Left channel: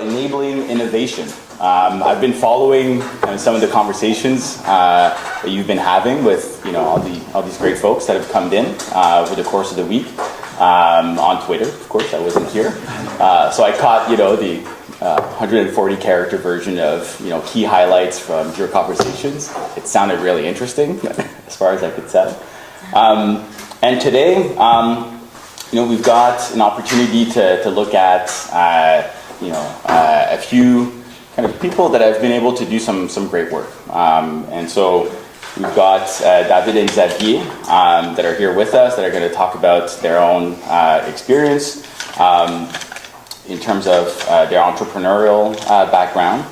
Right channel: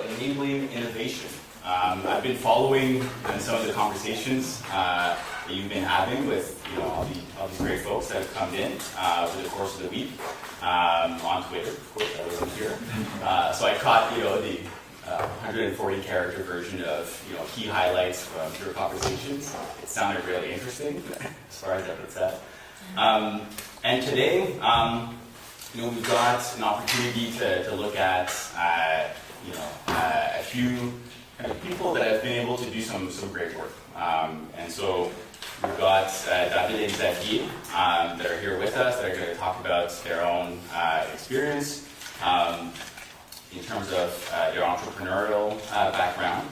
about enabling innovation. I've been following some of the conversations that you've been having with all these great folks that have come in over the course of the week on Twitter. Of course, I wasn't here, so I caught the 140 character version of key highlights from your conversations. It sounded really interesting as far as I could tell. And today, we've got an opportunity to look at a few kind of people that have been able to do some great work. And so we've got David and Xavier that are here with us that are going to talk about their own experience in terms of their entrepreneurial background.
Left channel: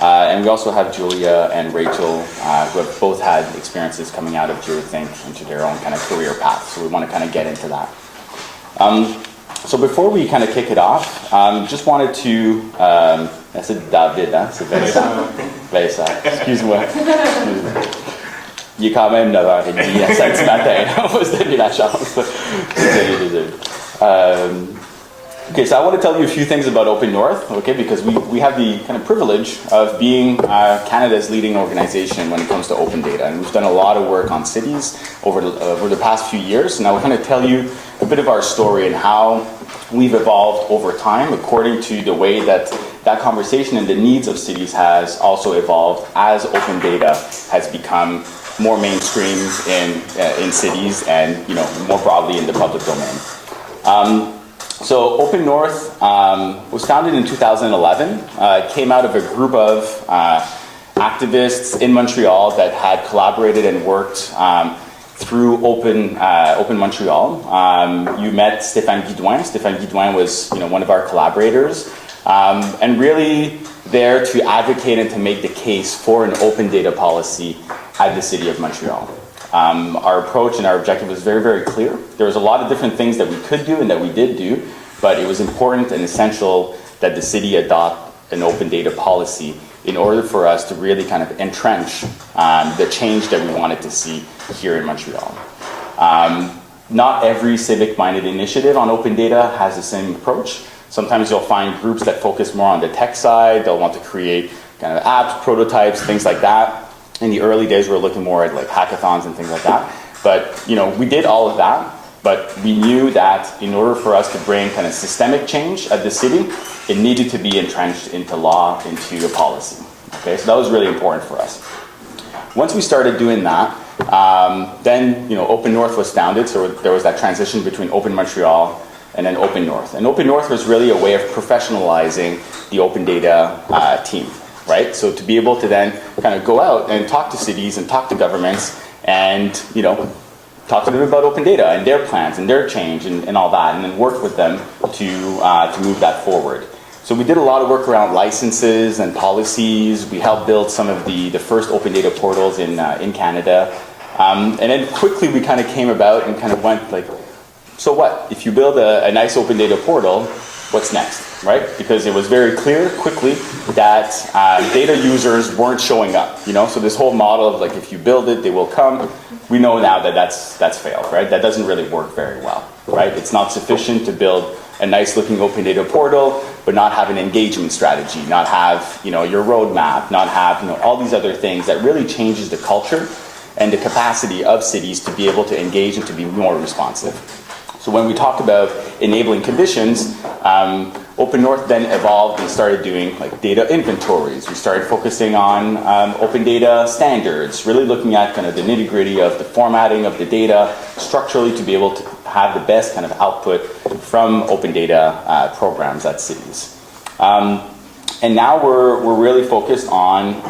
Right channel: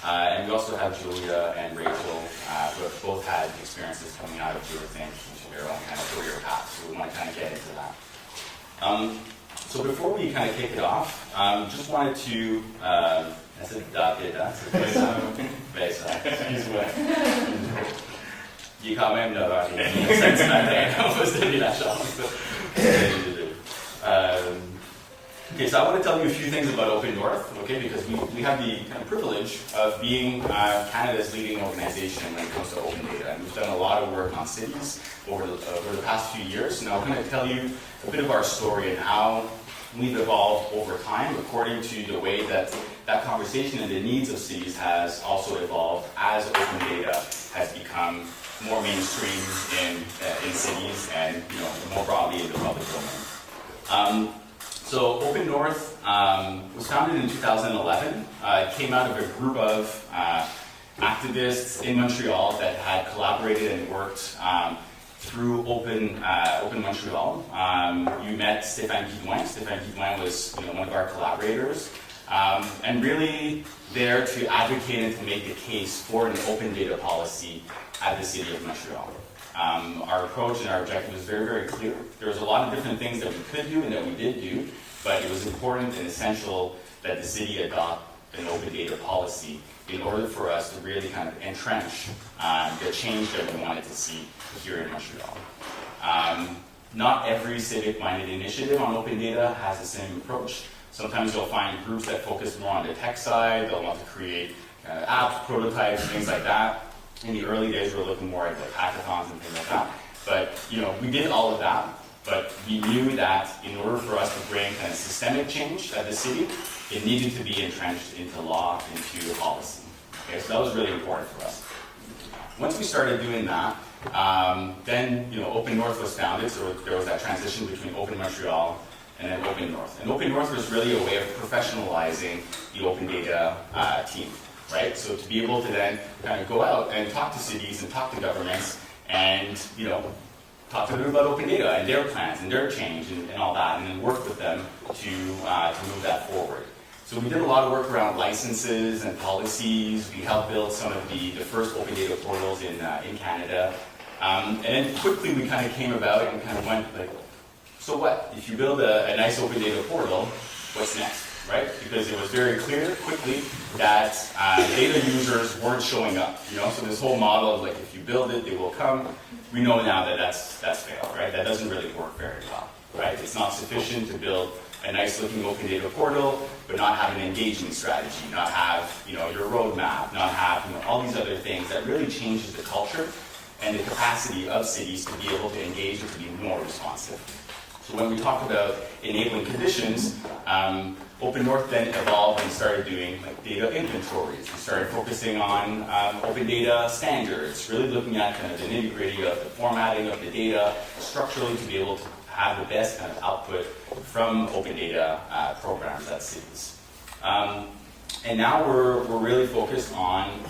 And we also have Julia and Rachel who have both had experiences coming out of Geothink into their own kind of career path. So we want to kind of get into that. So before we kind of kick it off, just wanted to... c'est David, hein? C'est Vincent. Vincent, excuse-moi. Il est quand même 9h30 à 5 ce matin. On va se donner la chance. Okay, so I want to tell you a few things about Open North, okay, because we have the kind of privilege of being Canada's leading organization when it comes to open data. And we've done a lot of work on cities over the past few years. And I want to tell you a bit of our story and how we've evolved over time according to the way that conversation and the needs of cities has also evolved as open data has become more mainstream in cities and more broadly in the public domain. So Open North was founded in 2011. It came out of a group of activists in Montreal that had collaborated and worked through Open Montreal. You met Stéphane Guidouin. Stéphane Guidouin was one of our collaborators and really there to advocate and to make the case for an open data policy at the City of Montreal. Our approach and our objective was very, very clear. There was a lot of different things that we could do and that we did do, but it was important and essential that the city adopt an open data policy in order for us to really kind of entrench the change that we wanted to see here in Montreal. Not every civic-minded initiative on open data has the same approach. Sometimes you'll find groups that focus more on the tech side. They'll want to create kind of apps, prototypes, things like that. In the early days, we were looking more at like hackathons and things like that. But we did all of that, but we knew that in order for us to bring kind of systemic change at the city, it needed to be entrenched into law, into a policy. Okay, so that was really important for us. Once we started doing that, then Open North was founded, so there was that transition between Open Montreal and then Open North. And Open North was really a way of professionalizing the open data team. Right? So to be able to then kind of go out and talk to cities and talk to governments and, talk to them about open data and their plans and their change and all that, and then work with them to move that forward. So we did a lot of work around licenses and policies. We helped build some of the first open data portals in Canada. And then quickly we kind of came about and kind of went like, so what? If you build a nice open data portal, what's next? Right? Because it was very clear quickly that data users weren't showing up. So this whole model of like if you build it, they will come. We know now that that's failed, right? That doesn't really work very well, right? It's not sufficient to build a nice looking open data portal, but not have an engagement strategy, not have your roadmap, not have all these other things that really changes the culture and the capacity of cities to be able to engage and to be more responsive. So when we talk about enabling conditions, Open North then evolved and started doing like data inventories. We started focusing on open data standards, really looking at kind of the nitty-gritty of the formatting of the data structurally to be able to have the best kind of output from open data programs at cities. And now we're really focused on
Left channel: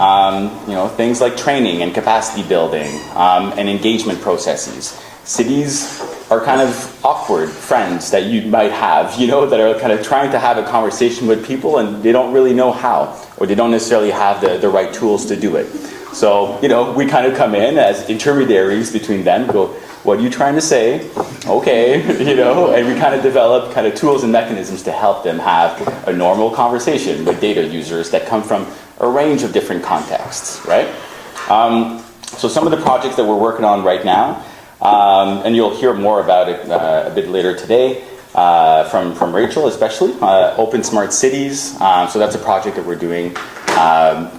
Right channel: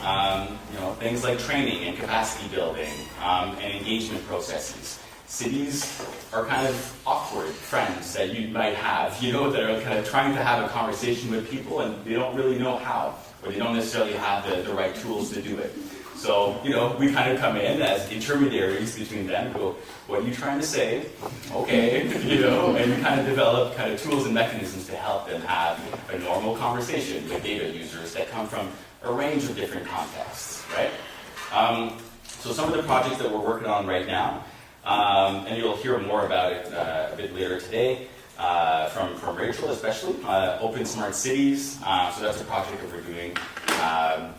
things like training and capacity building and engagement processes. Cities are kind of awkward friends that you might have, that are kind of trying to have a conversation with people and they don't really know how, or they don't necessarily have the right tools to do it. So, we kind of come in as intermediaries between them, go, what are you trying to say? Okay, and we kind of develop kind of tools and mechanisms to help them have a normal conversation with data users that come from a range of different contexts, right? So some of the projects that we're working on right now, and you'll hear more about it a bit later today, from Rachel especially, Open Smart Cities. So that's a project that we're doing,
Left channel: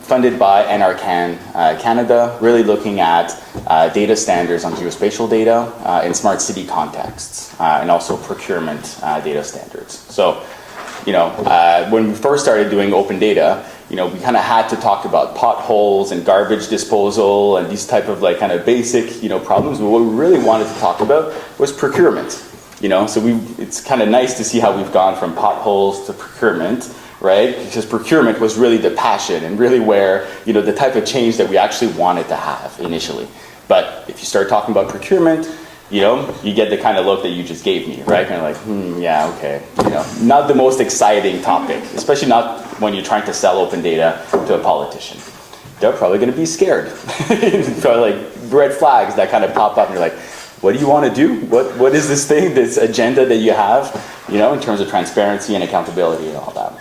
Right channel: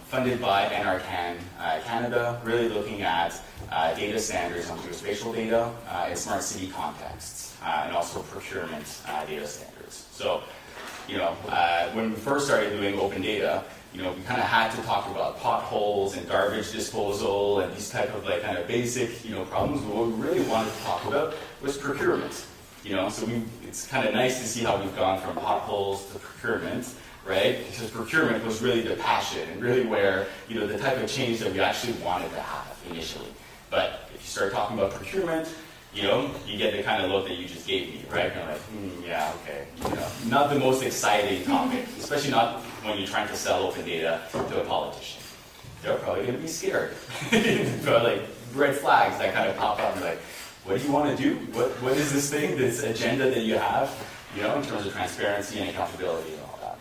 funded by NRCan Canada, really looking at data standards on geospatial data in smart city contexts, and also procurement data standards. So, when we first started doing open data, we kind of had to talk about potholes and garbage disposal and these type of kind of basic, problems. But what we really wanted to talk about was procurement. So it's kind of nice to see how we've gone from potholes to procurement, right? Because procurement was really the passion and really where, the type of change that we actually wanted to have initially. But if you start talking about procurement, you get the kind of look that you just gave me, right? Kind of like, yeah, okay. Not the most exciting topic, especially not when you're trying to sell open data to a politician. They're probably going to be scared. Probably red flags that kind of pop up and you're like, what do you want to do? What is this thing, this agenda that you have, in terms of transparency and accountability and all that?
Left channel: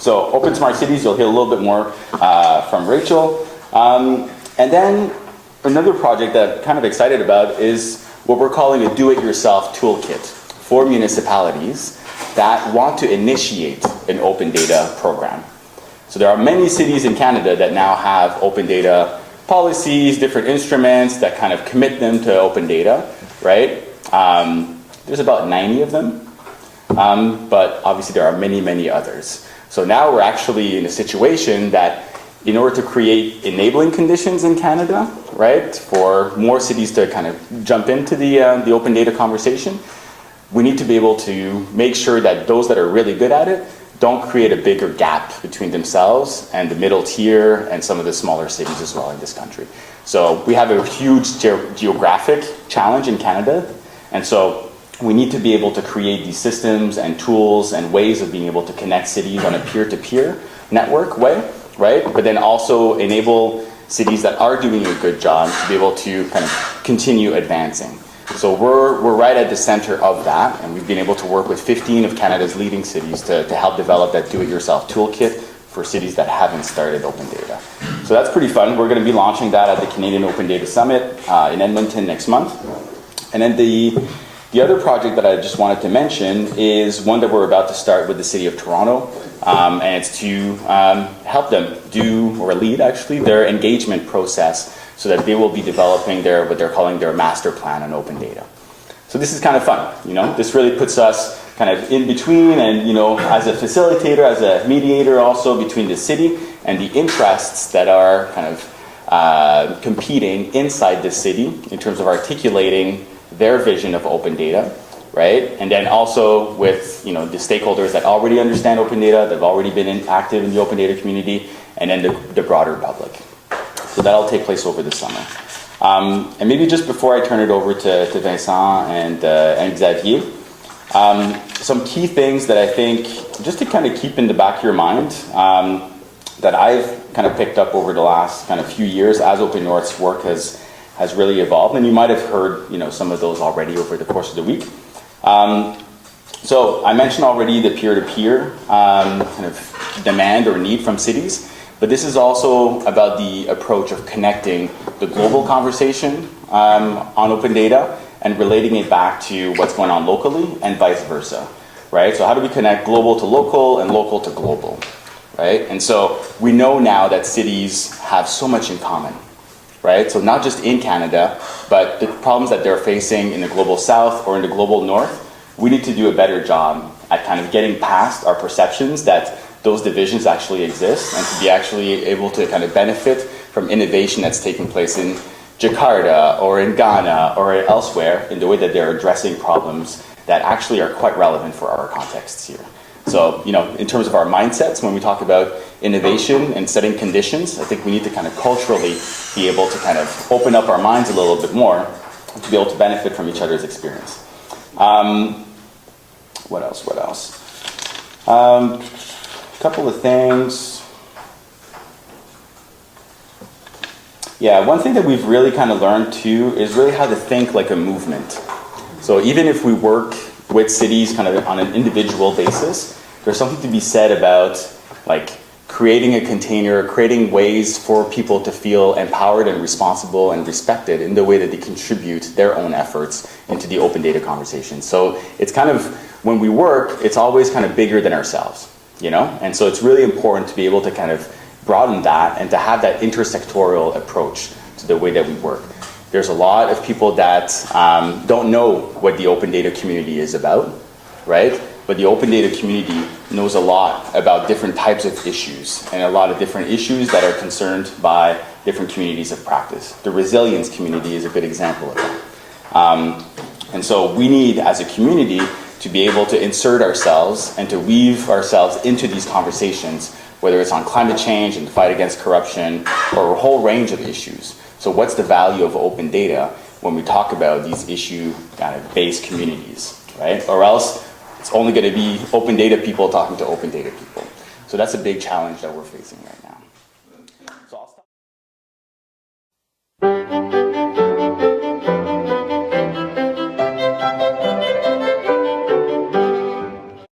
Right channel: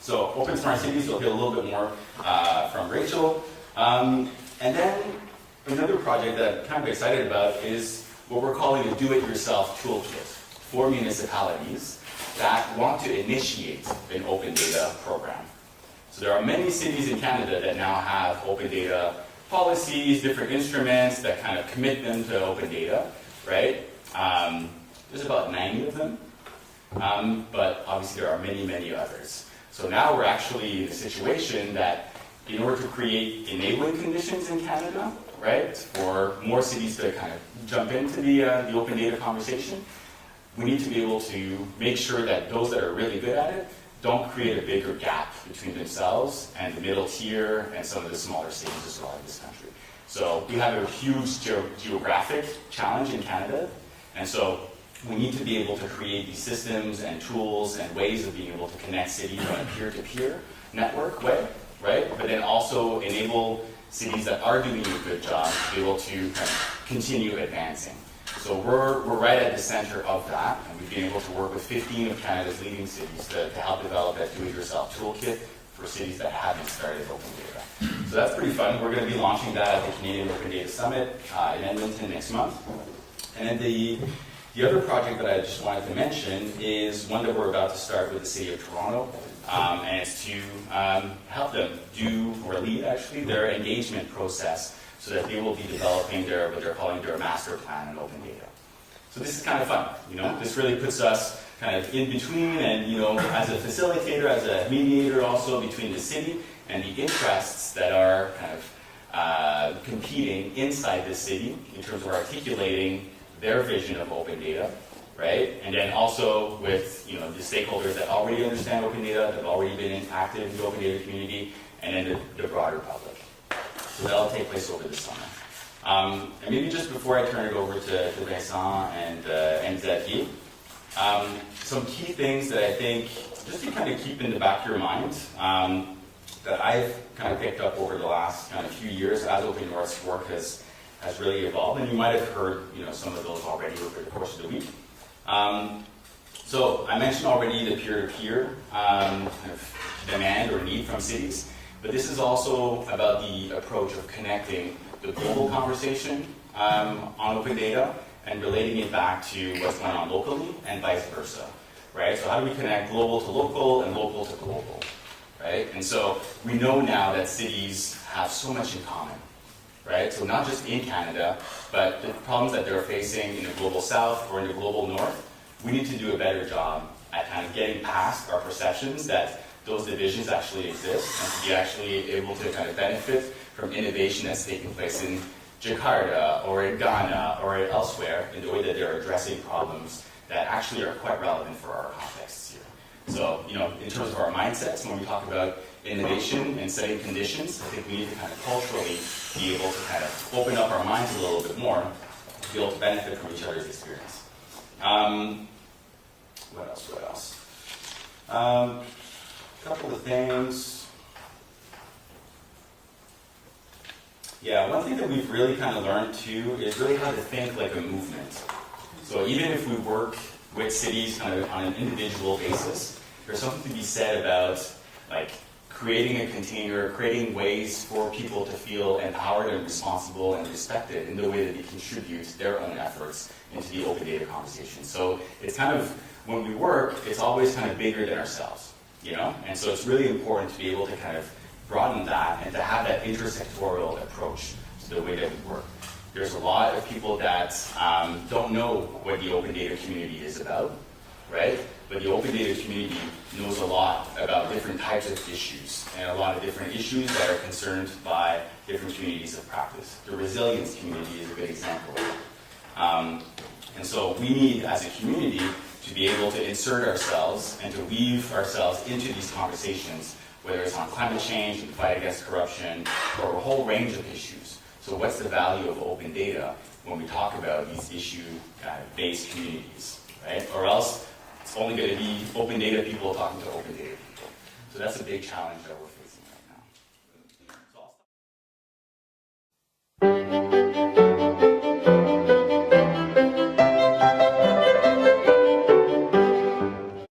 So Open Smart Cities, you'll hear a little bit more from Rachel. And then another project that I'm kind of excited about is what we're calling a DoItYourself Toolkit for municipalities that want to initiate an open data program. So there are many cities in Canada that now have open data policies, different instruments that kind of commit them to open data, right? There's about 90 of them, but obviously there are many, many others. So now we're actually in a situation that in order to create enabling conditions in Canada, right, for more cities to kind of jump into the open data conversation, we need to be able to make sure that those that are really good at it don't create a bigger gap between themselves and the middle tier and some of the smaller cities as well in this country. So we have a huge geographic challenge in Canada, and so we need to be able to create these systems and tools and ways of being able to connect cities on a peer-to-peer network way, right? But then also enable cities that are doing a good job to be able to kind of continue advancing. So we're right at the center of that, and we've been able to work with 15 of Canada's leading cities to help develop that do-it-yourself toolkit for cities that haven't started open data. So that's pretty fun. We're going to be launching that at the Canadian Open Data Summit in Edmonton next month. And then the other project that I just wanted to mention is one that we're about to start with the City of Toronto, and it's to help them do, or lead actually, their engagement process so that they will be developing what they're calling their master plan on open data. So this is kind of fun, This really puts us kind of in between and, as a facilitator, as a mediator also between the city and the interests that are kind of competing inside the city in terms of articulating their vision of open data, right? And then also with, the stakeholders that already understand open data, that have already been active in the open data community, and then the broader public. So that'll take place over the summer. And maybe just before I turn it over to Vincent and Xavier, some key things that I think, just to kind of keep in the back of your mind, that I've kind of picked up over the last kind of few years as Open North's work has really evolved. And you might have heard, some of those already over the course of the week. So I mentioned already the peer-to-peer kind of demand or need from cities. But this is also about the approach of connecting the global conversation on open data and relating it back to what's going on locally and vice versa, right? So how do we connect global to local and local to global, right? And so we know now that cities have so much in common, right? So not just in Canada, but the problems that they're facing in the global south or in the global north, we need to do a better job at kind of getting past our perceptions that those divisions actually exist and to be actually able to kind of benefit from innovation that's taking place in Jakarta or in Ghana or elsewhere in the way that they're addressing problems that actually are quite relevant for our contexts here. So, in terms of our mindsets, when we talk about innovation and setting conditions, I think we need to kind of culturally be able to kind of open up our minds a little bit more to be able to benefit from each other's experience. What else? Couple of things. Yeah, one thing that we've really kind of learned too is really how to think like a movement. So even if we work with cities kind of on an individual basis, there's something to be said about like creating a container, creating ways for people to feel empowered and responsible and respected in the way that they contribute their own efforts into the open data conversation. So it's kind of when we work, it's always kind of bigger than ourselves, you know? And so it's really important to be able to kind of broaden that and to have that intersectorial approach to the way that we work. There's a lot of people that don't know what the open data community is about, right? But the open data community knows a lot about different types of issues and a lot of different issues that are concerned by different communities of practice. The resilience community is a good example of that. And so we need, as a community, to be able to insert ourselves and to weave ourselves into these conversations, whether it's on climate change and the fight against corruption or a whole range of issues. So what's the value of open data when we talk about these issue-based communities, right? Or else it's only going to be open data people talking to open data people. So that's a big challenge that we're facing right now. So I'll stop.